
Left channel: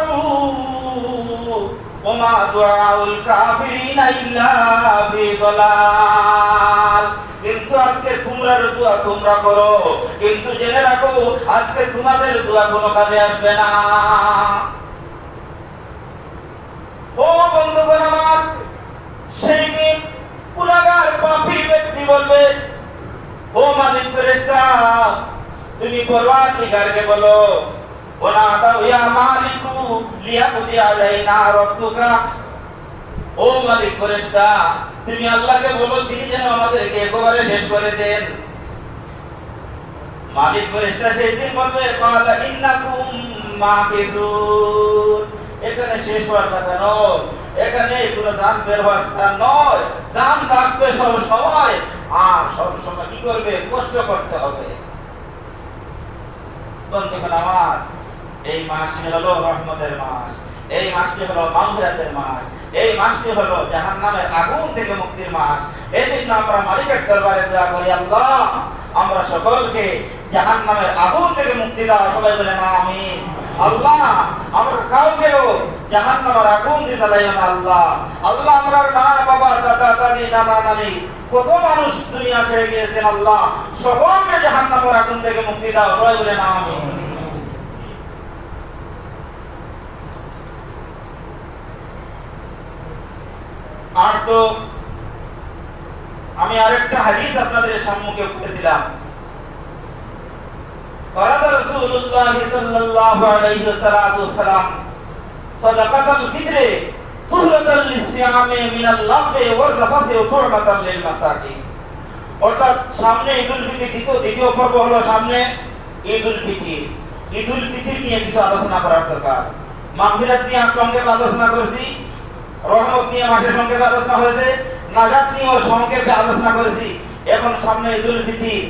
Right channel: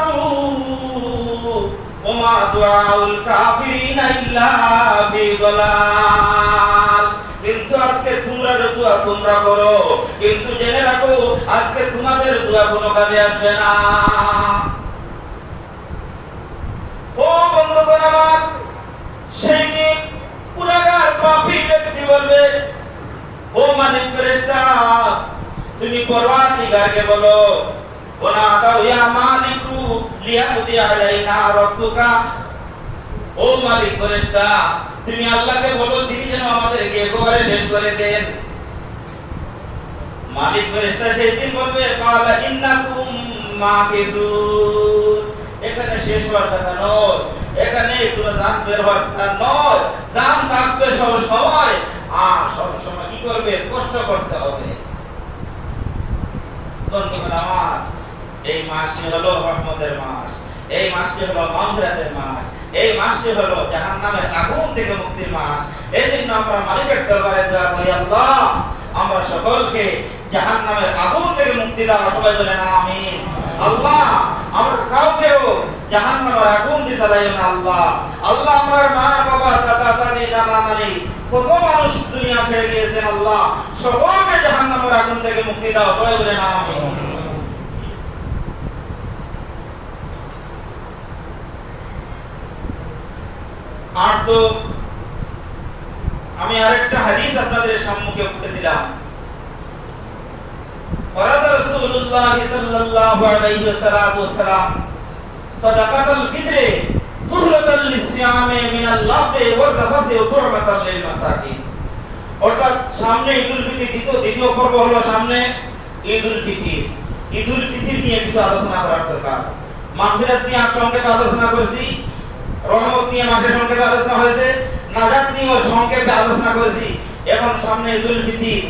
ওয়া মা দুআউল কাফিরিনা ইল্লা ফি যালাল। কিন্তু আজকে তোমরা দোয়া তোমরা করো, কিন্তু জেনে রাখো আজকে তোমাদের দোয়া কোনো কাজে আসবে না। ও বন্ধুগণ আমার, সেই দিন গুনাহগার পাপী ব্যক্তি বলবে, ও মালিক ফেরেশতা, তুমি পরওয়ারদিগারকে বলো, ওয়া দাউ ইয়া মালিকু লিয়াকদি আলাইনা রাব্বুকা। ও মালিক ফেরেশতা, তুমি আল্লাহকে বলো তিনি যেন আমাদেরকে একেবারে শেষ করে দেন। মালিক ফেরেশতা সেই দিন বলবে, ক্বালা ইন্নাকুম মাকিদুন। এখানে শেষ হওয়ার কথা নয়, এখানে কোনো জান বের হওয়ার স্থান নয়। জান থাকবে সব সময়, আর সব সময় কি করবে? কষ্ট করতে হবে। বন্ধুগণ আমার, এই মাসটি হলো রহমতের মাস, এই মাসটি হলো মাগফিরাতের মাস, এই মাসটি হলো জাহান্নামের আগুন থেকে মুক্তির মাস। এই জন্য আমরা মালিকের দরবারে দোয়া করি, আল্লাহ আমরা সকলকে জাহান্নামের আগুন থেকে মুক্তি দাও। সবাই বলেন আমিন। আল্লাহ আমরা কাউকেও জাহান্নামের আগুন দিয়ে জ্বালাইও না আল্লাহ। আল্লাহ আমরার মা বাবা দাদা দাদি নানা নানি কত মানুষ দুনিয়া ছেড়ে গিয়েছেন, আল্লাহ সকলকে জাহান্নামের আগুন থেকে মুক্তি দাও। সবাই বলেন আমিন। আর তো আমি আরেকটা হাদিস আপনাদের সম্মুখে বলতেছিলাম। ফরাদ রাসূলুল্লাহ সাল্লাল্লাহু আলাইহি ওয়াসাল্লাম সাদাকাতুল ফিতরে তুহরাতাল লিসিয়ামে মিনাল লাফে ওয়ার রাফাসে ওয়া তুরমাতাল লিল মাসাকিন। অর্থাৎ সামনে ঈদুল ফিতর, দ্বিতীয় পর্ব হলো সামনে ঈদুল ফিতর। ঈদুল ফিতর নিয়ে কিছু আলোচনা করার দরকার। মাগফিরাত নিয়ে সংক্ষেপে আলোচনা করেছি, রহমত নিয়ে মাসের সংক্ষেপে আলোচনা হয়েছে, নাজাত নিয়ে সংক্ষেপে আলোচনা করেছি। এখন সামনে ঈদুল ফিতর,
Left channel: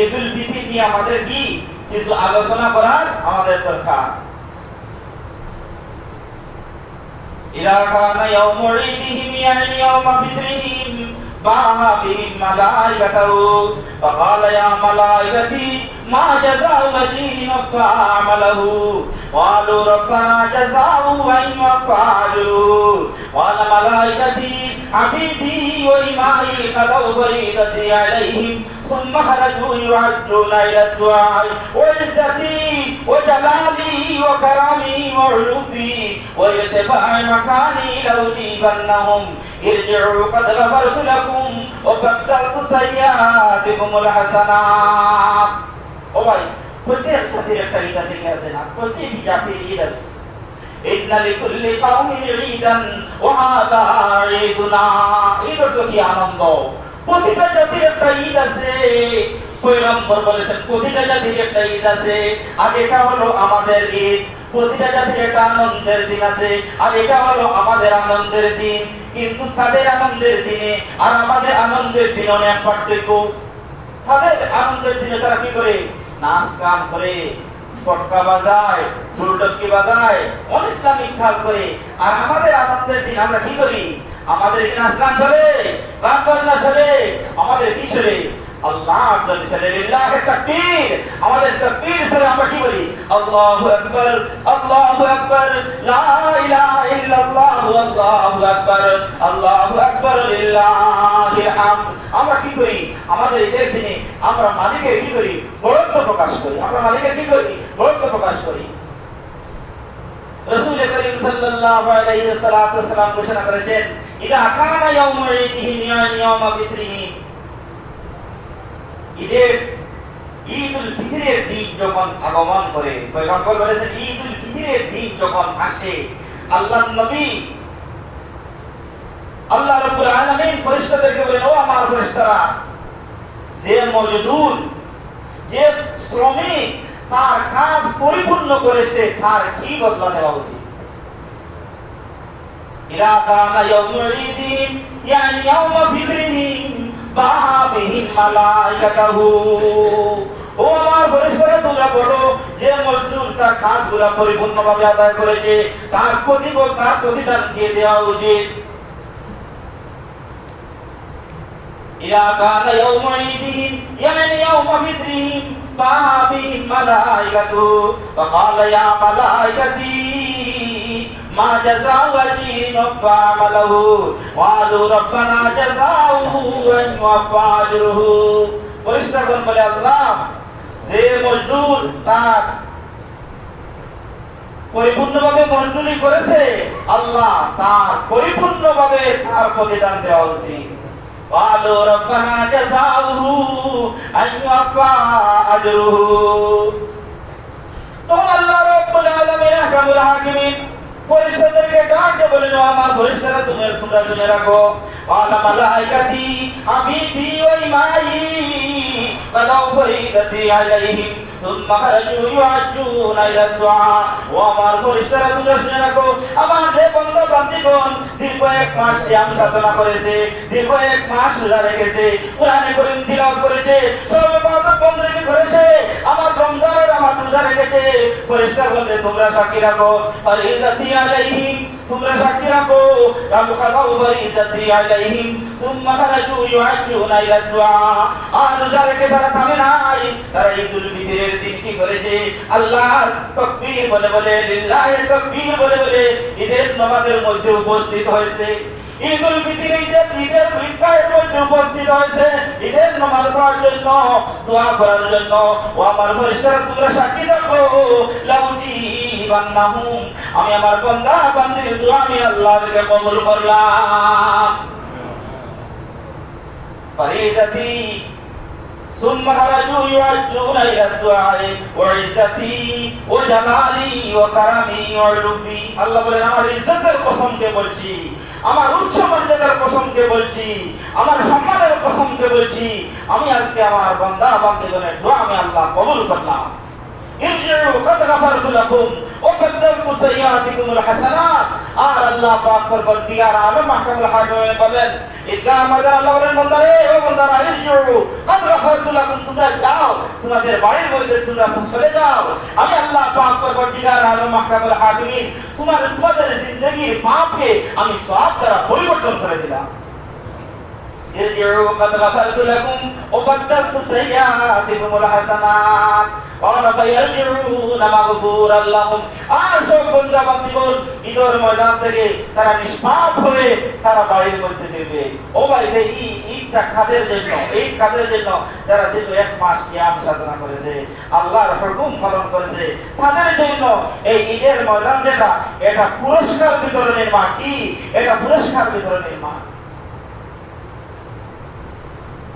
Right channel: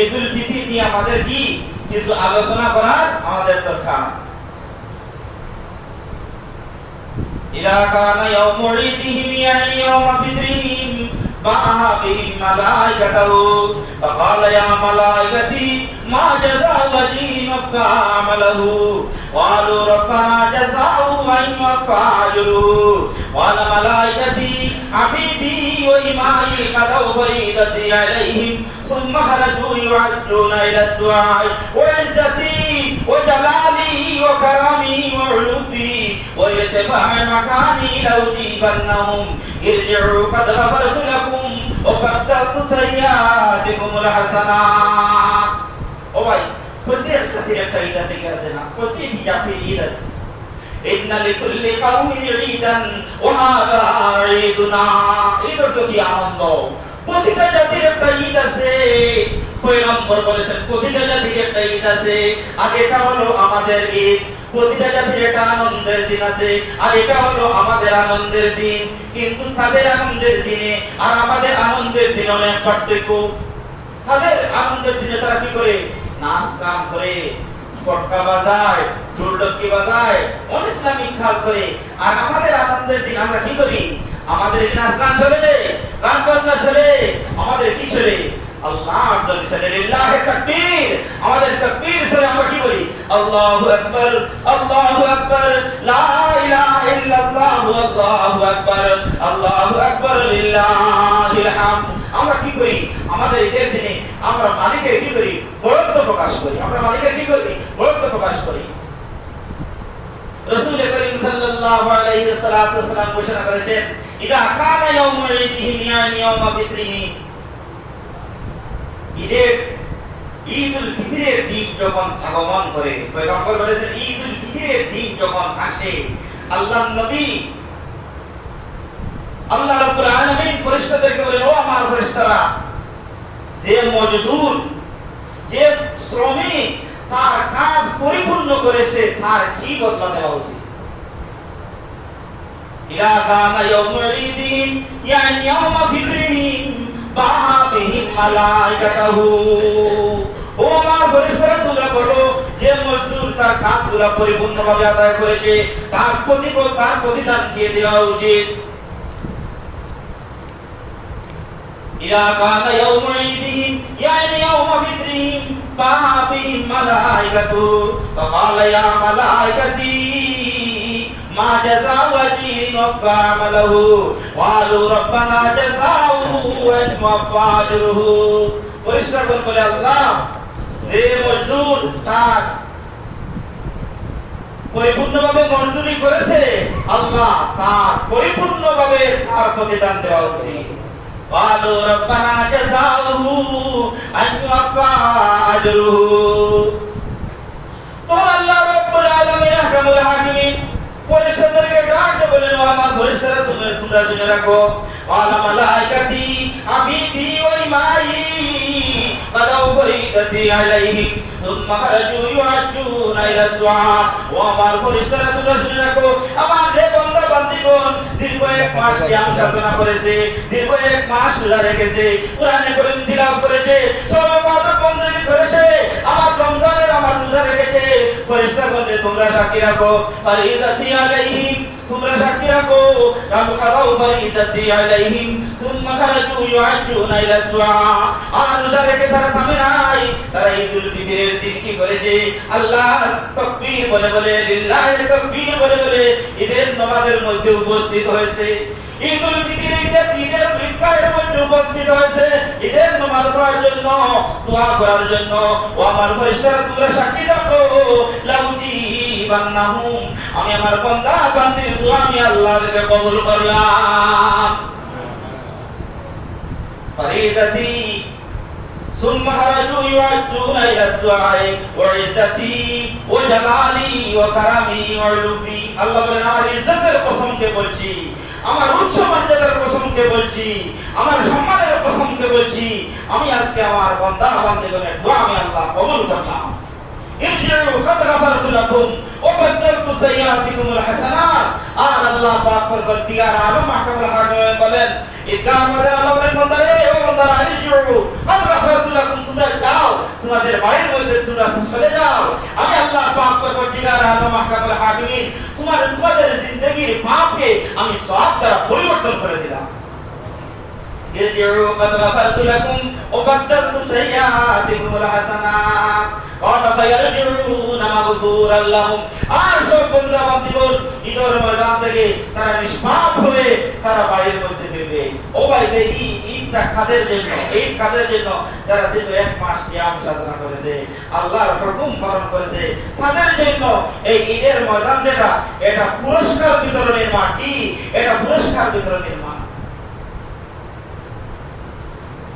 ঈদুল ফিতর নিয়ে আমাদের কি কিছু আলোচনা করার আমাদের দরকার। ইদা কানা ইয়াউমু ঈদিহিম ইয়ানি ইয়াউমা ফিতরিহিম বাহা বিহিম মালাইকাতু ফাকালা ইয়া মালাইকাতি মা জাযাউ আজরিন ফা'amalahu ক্বালু রাব্বানা জাযাউ আইমা ফা'ajruhu ওয়ালা মালাইকাতি আবিদি ওয়া ইমাই কাদাউ ফরিদাতি আলাইহিম সুম্মা খারাজু ইউআদ্দুনা ইলা দুআ ওয়া ইজ্জতি ওয়া জালালি ওয়া কারামি ওয়া উলুবি ওয়া ইরতিফা'i মাকানি লাউ জিবান্নাহুম ইরজি'ু قد غفرت لكم وبدلت سيئاتكم الحسنات। ও ভাই, প্রত্যেক জাতির একটা ঈদ আছে, কি আছে না? প্রত্যেক জাতির ঈদ আছে। ইন্না লিকুল্লি কওমিন ঈদান ওয়া হাযা ঈদুনা। ঈদ তো কি আনন্দ, প্রতিটা জাতির একটা ঈদ আছে। পয়গম্বর বলেছেন প্রতিটা জাতির একটা ঈদ আছে, আর এটা হলো আমাদের ঈদ। প্রতিটা জাতির একটা আনন্দের দিন আছে, আর এটা হলো আমাদের আনন্দের দিন। কিন্তু তাদের আনন্দের দিনে আর আমাদের আনন্দের দিনে অনেক পার্থক্য। তাদের আনন্দের দিনে তারা কি করে? নাচ গান করে, পটকা বাজায়, ঢোলঢাকি বাজায়, অনিসলামিক খেল করে। আর আমাদের আনন্দের দিন আমরা কি করি? আমাদের কি নাচ গান চলে, গান বাজনা চলে? আমাদের কি চলে? আল্লাহর দরবারে লিল্লাহি তাকবীর। আমাদের তাকবীর সরে আমরা কি বলি? আল্লাহু আকবার, আল্লাহু আকবার, লা ইলাহা ইল্লাল্লাহু, আল্লাহু আকবার, আল্লাহু আকবার, লিল্লাহিল হামদ। আমরা কি করি? আমাদের ঈদের দিনে আমরা মালিকের কি করি? বড়ত্ব প্রকাশ করি। আমরা মালিকের কি করি? বড়ত্ব প্রকাশ করি। রাসূল করিম সাল্লাল্লাহু আলাইহি ওয়াসাল্লাম ঘোষণা করেছেন, ইদা কানা ইয়াউমু ঈদিহিম ইয়ানি ইয়াউমা ফিতরিহিম। ঈদুল ফিতরের দিন যখন আগমন করে, পয়গম্বর বলেছেন ঈদুল ফিতরের দিন যখন আসে, আল্লাহর নবী আল্লাহ রাব্বুল আলামিন ফেরেশতাদেরকে বলেন, ও আমার ফেরেশতারা, যে মজদুর, যে শ্রমিক তার কাজ পরিপূর্ণ করেছে, তার কি বদলা দেওয়া উচিত? ইদা কানা ইয়াউমু ঈদিহিম ইয়ানি ইয়াউমা ফিতরিহিম বাহা বিহিম মালাইকাতুহু। ও আমার ফেরেশতারা, তোমরা বলো, যে মজদুর তার কাজগুলো পরিপূর্ণভাবে আদায় করেছে, তার প্রতিফল, তার প্রতিদান দিয়ে দেওয়া উচিত। ইদা কানা ইয়াউমু ঈদিহিম ইয়ানি ইয়াউমা ফিতরিহিম বাহা বিহিম মালাইকাতুহু ফাকালা ইয়া মালাইকাতি মা জাযাউ আজরিন ফা'amalahu ক্বালু রাব্বানা জাযাউহু ওয়া ফা'ajruhu। ফেরেশতাগণ বলে, আল্লাহ, যে মজদুর তার পরিপূর্ণভাবে মজদুরি করেছে, আল্লাহ তার পরিপূর্ণভাবে তার প্রতিদান দেওয়া উচিত। ক্বালু রাব্বানা জাযাউহু ওয়া ফা'ajruhu। তো আল্লাহ রাব্বুল আলামিন আহকামুল হাকিমিন ফেরেশতাদেরকে ডাকতে বলেন, আমার ফেরেশতারা, তোমরা শুনে রাখো, আলা মালাইকাতি আবিদি ওয়া ইমাই কাদাউ ফরিদাতি আলাইহিম সুম্মা খারাজু ইউআজ্জুনা ইলা দুআ। ও আমার ফেরেশতারা তোমরা শুনে রাখো, আমার যে বান্দা বান্দীগণ দীর্ঘ এক মাস সিয়াম সাধনা করেছে, দীর্ঘ এক মাস রোজা রেখেছে, কোরআনে কারীম তিলাওয়াত করেছে, সব ইবাদত বন্দেগী করেছে, আমার রমজানের আমার রোজা রেখেছে, ফেরেশতাগণকে তোমরা সাক্ষী রাখো, ফারিজাতি আলাইহিম, তোমরা সাক্ষী রাখো, কাম কাদাউ ফারিজাতি আলাইহিম সুম্মা খারাজু ইউআজ্জুনা ইলা দুআ। আর রোজা রেখে তারা থামে নাই, তারা ঈদুল ফিতরের দিন কি করেছে? আল্লাহর তাকবীর বলে বলে, লিল্লাহির তাকবীর বলে বলে ঈদের নামাজের মধ্যে উপস্থিত হয়েছে। ঈদুল ফিতর ঈদের ঈদগাহের মধ্যে উপস্থিত হয়েছে ঈদের নামাজ পড়ার জন্য, দোয়া করার জন্য। ও আমার ফেরেশতারা তোমরা সাক্ষী থাকো, লাউজিবান্নাহুম, আমি আমার বান্দা বান্দির দোয়া আমি আল্লাহকে কবুল করলাম। ফারিজাতি সুম্মা খারাজু ইউআজ্জুনা ইলা দুআ ওয়া ইজ্জতি ওয়া জালালি ওয়া কারামি ওয়া উলুবি। আল্লাহ বলেন আমার ইজ্জতের কসমকে বলছি, আমার উচ্চ মর্যাদার কসমকে বলছি, আমার সম্মানের কসমকে বলছি, আমি আজকে আমার বান্দা বান্দীগণের দোয়া আমি আল্লাহ কবুল করলাম। ইরজিউ কাদ গাফারতু লাকুম ওয়া বাদদালতু সাইয়্যাতিকুমুল হাসানাত। আর আল্লাহ পাক পরবর্তীকার আলম মাহকামুল হাকিম বলেন, ঈদগাহ ময়দান আল্লাহ বলেন, বান্দারে ও বান্দারা, ইরজিউ কাদ গাফারতু লাকুম, তোমরা যাও, তোমাদের বাড়ির মধ্যে তোমরা চলে যাও, আমি আল্লাহ পাক পরবর্তীকার আলম মাহকামুল হাকিম তোমাদের জিন্দেগীর পাপকে আমি সওয়াব দ্বারা পরিবর্তন করে দিলাম। ইরজিউ কাদ গাফারতু লাকুম ওয়া বাদদালতু সাইয়্যাতিকুমুল হাসানাত ক্বালা ফায়ারজিউনা মাগফুরাল লাহুম। আর সব বান্দা বান্দীগণ ঈদের ময়দান থেকে তারা নিষ্পাপ হয়ে তারা বাড়ির মধ্যে ফিরবে। ও ভাই, এই ঈদটা কাদের জন্য? এই কাদের জন্য যারা দীর্ঘ এক মাস সিয়াম সাধনা করেছে, আল্লাহর হুকুম পালন করেছে, তাদের জন্য এই ঈদের ময়দান যেটা, এটা পুরস্কার বিতরণের মাঠ। কি এটা? পুরস্কার বিতরণের মাঠ।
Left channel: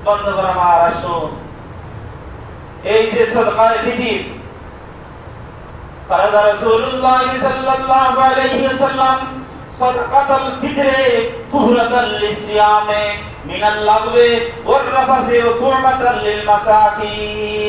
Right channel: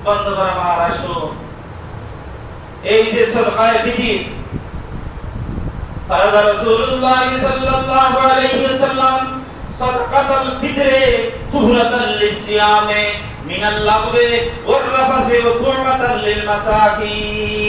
বন্ধুগণ আমার, আসুন এই যে সাদকায়ে ফিতর ফরজ রাসূলুল্লাহ সাল্লাল্লাহু আলাইহি ওয়াসাল্লাম সাদকাতুল ফিতরে তুহরাতাল লিসিয়ামে মিনাল লাগবে ওয়ার রাফাসি ওয়া তু'মাতাল লিল মাসাকিন।